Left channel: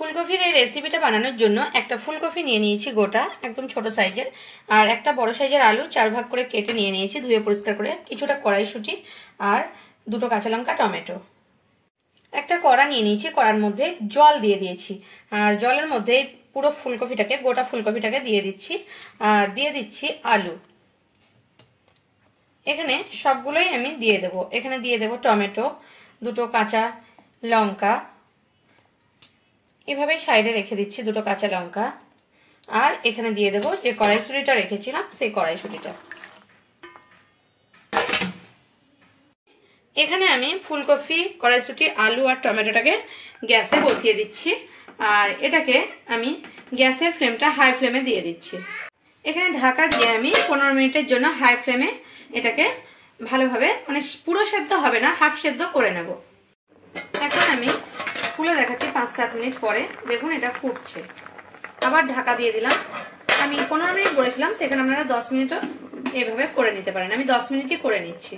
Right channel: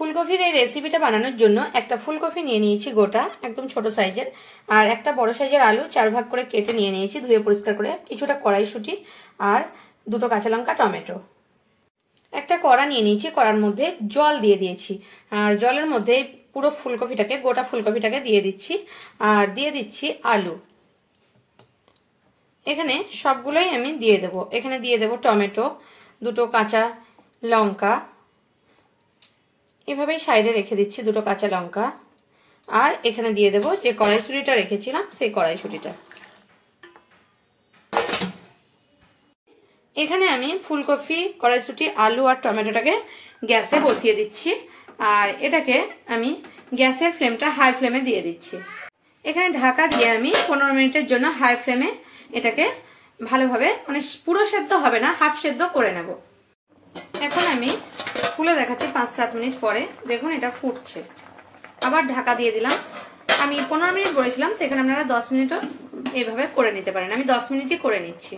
ফুলকপির এই রেসিপিটা বানানোর জন্য একটা ফুলকপি নিয়ে নিয়েছি গোটা, একদম ছোট সাইজের, আর একটা বড় সাইজের আলু 4 ভাগ করে কেটে নিয়ে নিয়েছি, ধুয়ে পরিষ্কার করে, কিছুটা কড়াইশুঁটি আর দুটো কাঁচা লঙ্কা, টমেটো। একটা কড়া নিয়ে নিয়েছি, কড়ার মধ্যে জল দিয়ে দিয়েছি, আর জলের মধ্যে পুরো ফুলকপিটাকে, গোটা ফুলকপিটাকে দিয়ে দিচ্ছি, আর দিয়ে দিচ্ছি আলু। এখানে সবগুলোই আমি দিয়ে দেব। এখানে দিয়ে দেব টমেটো, দুটো কাঁচা লঙ্কা, এভাবেই সাইডে রেখে দিচ্ছি দুটো কাঁচা লঙ্কা, আর এখানে দিয়ে দেব যে কড়াইশুঁটিটা রেখেছিলাম সেই কড়াইশুঁটিটা। এখানে আমি ফুলকপি, কড়াইশুঁটি, আলু আর টমেটোটাকে গ্যাসে বসিয়ে দিচ্ছি, আর এটাকে আমি গ্যাসের ফ্লেমটা হাই ফ্লেমে দিয়ে দিচ্ছি। এখানে ঢাকা দিয়ে আমি 15 মিনিটের জন্য হাই ফ্লেমে এটাকে ভালোভাবে, মানে পুরো সেদ্ধ হবে না, হাফ সেদ্ধ করে নেব। এখন আমি খুলে দেখাচ্ছি 5-7 মিনিট পরে, দেখুন এটা ফুটছে। আবার ঢাকা দিয়ে দিলাম। আমি 15 মিনিট বলেছিলাম, সেখানে আপনারা 10 মিনিটও এইভাবে করে নিতে পারেন। আমি 10 মিনিটই করে নিচ্ছি।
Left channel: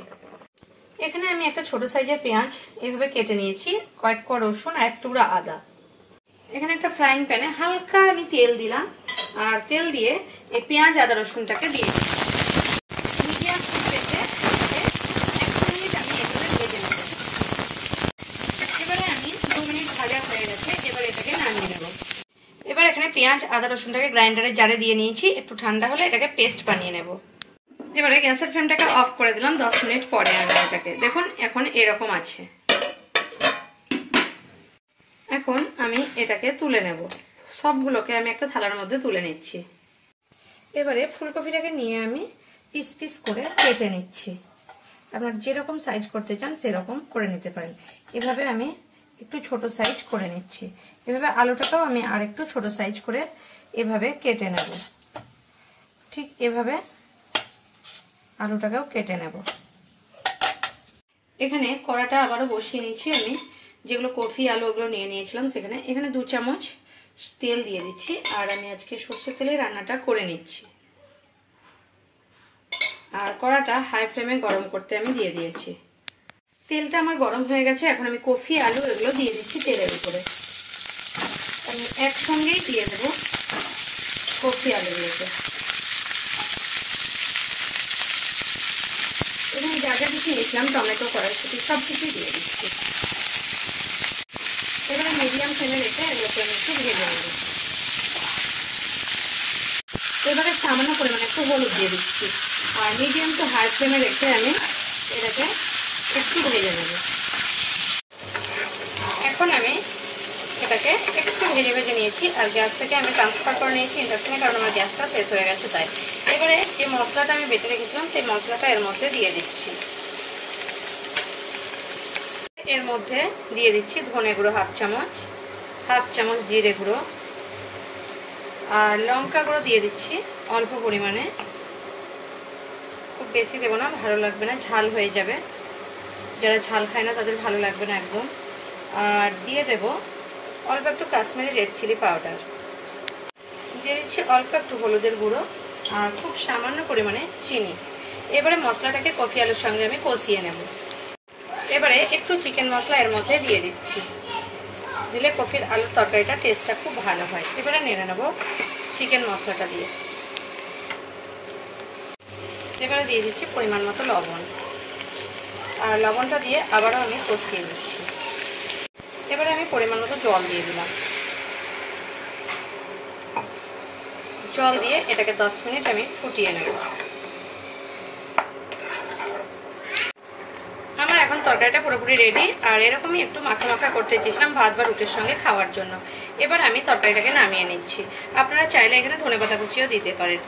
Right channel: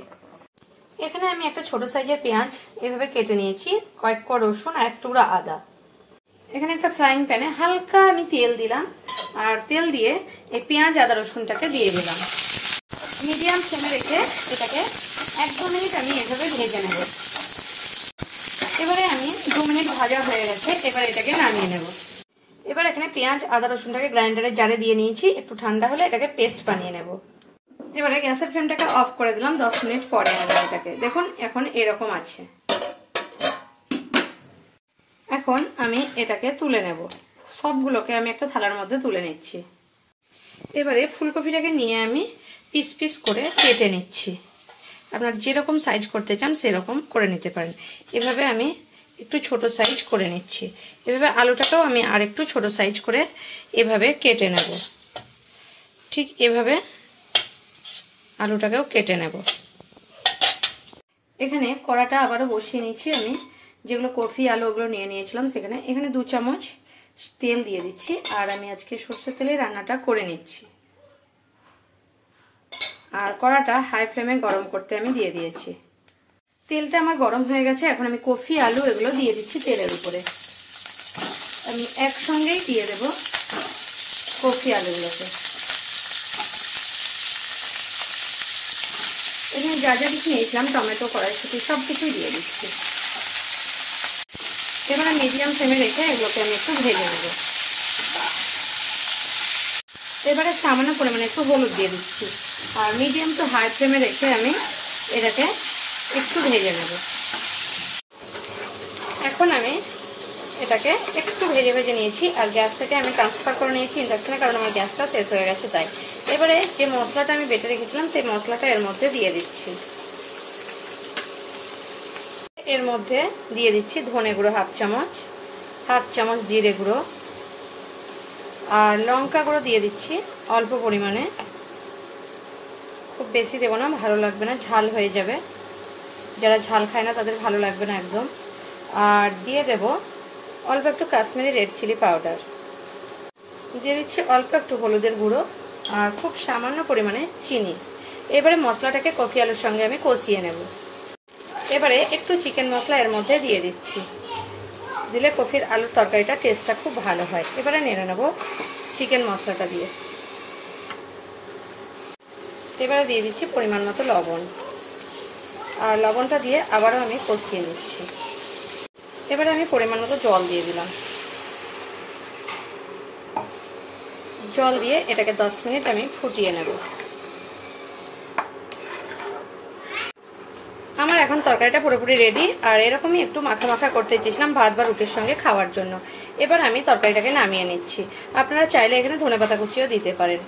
এখানে আমি একটা ছোট সাইজের পেঁয়াজ এইভাবে কেটে নিয়েছি, কয়েক কোয়া রসুন আর এক টুকরা আদা। এখানে একটা ফ্রাইং প্যানে হালকা আমি তেল দিলাম, আর তেল দিয়ে এই পেঁয়াজ আদা রসুনটাকে দিয়ে দিলাম। মিডিয়াম ফ্লেমে রেখে এটাকে 1 মিনিট আমি এভাবে ভেজে নেব। এবারে আমি 2 মিনিট ভাজা হয়ে গেছে, এবার এটাকে নামিয়ে নেব। এবার এখানে পেঁয়াজ আদা রসুনটাকে গ্রাইন্ডারের জারে দিয়ে নিয়েছি, একটু ঠান্ডা হলে এটাকে পেস্ট বানিয়ে নেব। এবারে গ্যাসের ফ্লেমটাকে অফ করে দিলাম 10 মিনিট পরে। আমি এটাকে দেখুন এখন এরকম আছে। এখন আমি এটাকে তুলে নেব। সবগুলোকে আমি একটা থালার মধ্যে তুলে নিচ্ছি। এবারে ফুলকপিটাকে নিয়ে আমি পিস পিস করে কেটে নিচ্ছি। আপনারা যেরকম সাইজ করতে চান সেরকম করে নিতে পারেন। এভাবে আমি একটু ছোট সাইজ করে নিচ্ছি। এভাবে আলুটাকেও আমি আরেকটু ছোট সাইজ করে এভাবে কেটে নেব। ঠিক এভাবে আলুটাকেও কেটে নেব। এখানে কড়াটা আবারও বসিয়ে নিচ্ছি। আমি যেগুলো কফি আলু ওগুলো নিয়ে নিয়েছিলাম সেখানে, এখানে 2 চামচ তেল দিয়ে দিচ্ছি, আর আমি আজকে সরষের তেলে রান্নাটা করে নিচ্ছি। আর কড়াটা হাই ফ্লেমে গরম করতে আমি দিয়ে দিয়েছি। তেলটা আমার গরম হয়ে গেছে। এখন আমি কফি আলু এগুলো দিয়ে দিচ্ছি তেলের উপরে। আমি একসঙ্গেই দিয়ে দেব কফি আলুগুলোকে। এখানে যা যা কিছু নিয়েছিলাম, টমেটো, কড়াইশুঁটি, সবকিছুই দিয়ে দিচ্ছি। এবারে মিডিয়াম ফ্লেমে রেখে এগুলোকে আমি একটু ভেজে নেব। এবারে সামান্য পরিমাণে একটু হলুদ দিয়ে দিচ্ছি, আর মিডিয়াম টু হাই ফ্লেমে রেখে আমি এটাকে একটু ভেজে নেব। এখন আমি এটাকে একটু ভেজে ভেজে নিয়েছি, আর গ্যাসটাকে আমি ট্রান্সফার করে নিয়েছি ইন্ডাকশনে, কারণ আমার গ্যাসটা শেষ হয়ে গেছে তাই। এবারে যে মশলাটা আমি বেটে রেখেছিলাম সেই মশলাটা এর মধ্যে দিয়ে দিচ্ছি। এর মধ্যে দিয়ে দিচ্ছি ধনে গুঁড়ো হাফ চামচ জিরে গুঁড়ো, আর লঙ্কা গুঁড়ো দিয়ে দিচ্ছি অল্প পরিমাণে, খুব বেশি দেবো না, ভালো লাগবে না, ঝাল হয়ে যাবে। যারা ঝাল খায় না তাদের ভালো লাগবে না একদম। আর দিয়ে দেব অল্প একটু কাশ্মীরি রেড চিলি পাউডার, দিয়ে দিচ্ছি অল্প একটু হলুদের গুঁড়ো, আর খুব সামান্য পরিমাণে চিনি। এবারে মশলাটাকে কফি আলুর সঙ্গে আমি কষিয়ে নেব। এবারে একটু চিকেন মশলা এর মধ্যে দিয়ে দিচ্ছি, দিলে কফির আলুর তরকারিটা টেস্টটা খুব ভালো হয়। এবারে নেড়ে নেব চিকেন মশলাটা দিয়ে। এবারে দিয়ে দিচ্ছি পরিমাণ মতো লবণ, আর লবণটা দিয়ে আবারও আমি কষিয়ে নিচ্ছি। এবারে আমি পরিমাণ মতো জল দিয়ে দিলাম। জল দিয়ে এটাকে 10 মিনিট আমি ফুটিয়ে নেব। আমার এখন তরকারিটা পুরোপুরি রেডি, আর এরকমই একটু মাখা মাখা করতে চেয়েছিলাম ভাত বা রুটির সঙ্গে খাওয়ার জন্য। এবার আমি তরকারিটাকে নামিয়ে নিচ্ছি। আপনারা চাইলে এখানে ধনেপাতা কুচিও দিতে পারেন।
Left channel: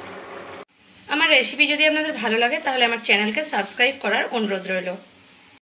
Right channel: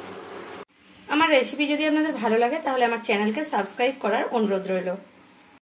আমার রেসিপি যদি আপনাদের ভালো লাগে তাহলে আমার চ্যানেলকে সাবস্ক্রাইব করার অনুরোধ রইল।